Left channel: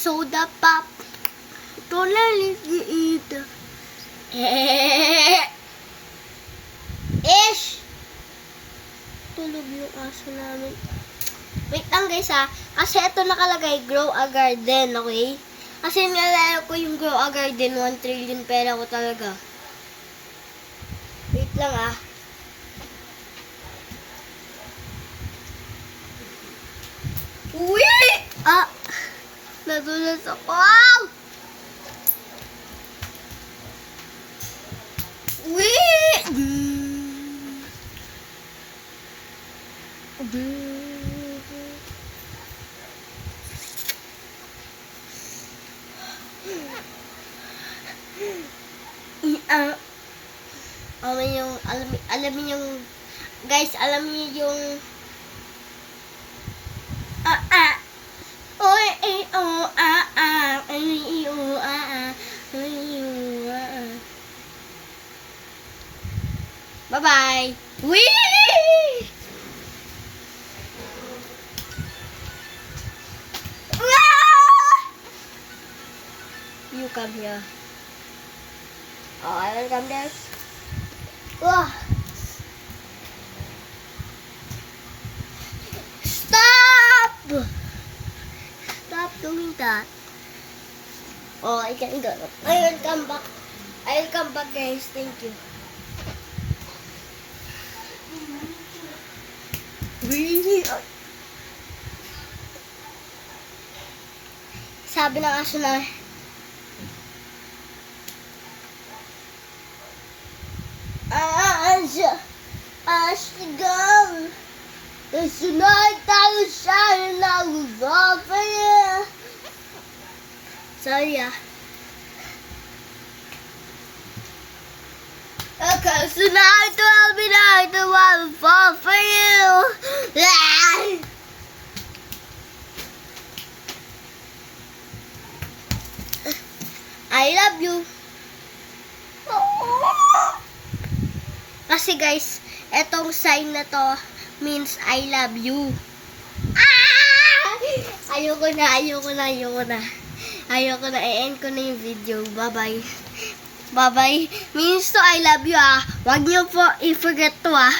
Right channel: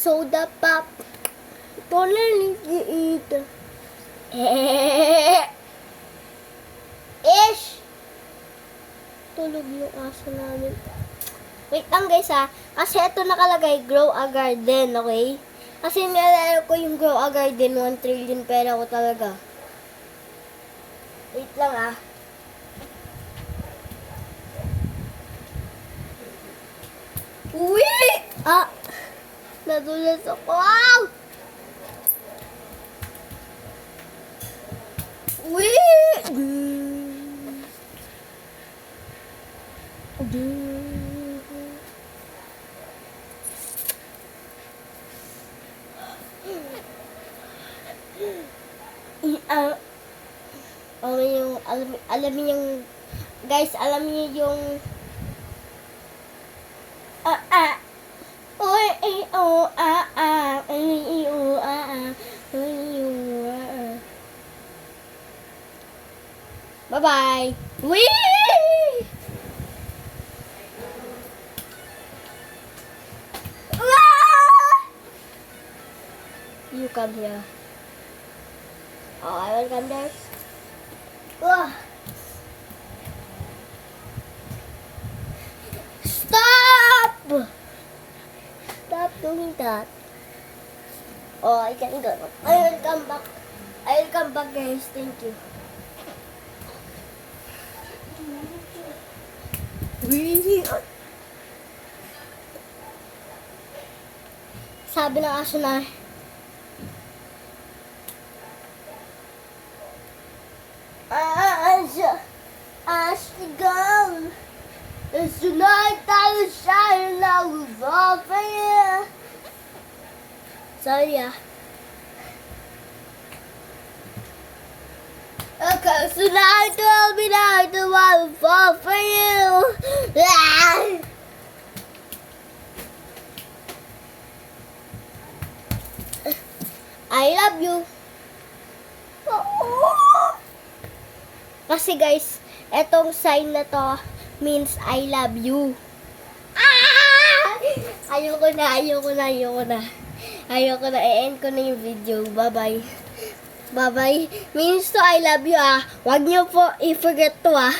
soda pop. Don't let me eat. Ish! Tulog yung aso namin. Wait lang guys ha. Kasi ito nakalagay, grow a garden, okay? Kasi naalala ko yung grow a garden, 1 trillion pera ko talaga. Wait lang ah. Uwi! Ah! Nadulas ako. Uwi! Alam niyo yung guys, alam niyo yung oy ay oh ay oh bye bye. Wee! You come here. Oh, I will come there. Stop! Stop doing that. Oh, I can go. I will come back. I will come back, guys. Thank you. Really? Sabi ng aso na, Ash, gone. It's the night that was shining, I was all for you. Sorry ah. Okay, so night will be night, I will fall for you. I love you. Kasi guys, etong sign na to means I love you. Ayoko na. I-end ko na yung video. Bye-bye. Bye-bye. Means to I love you ah. Huwag niyo po i-forget to ah.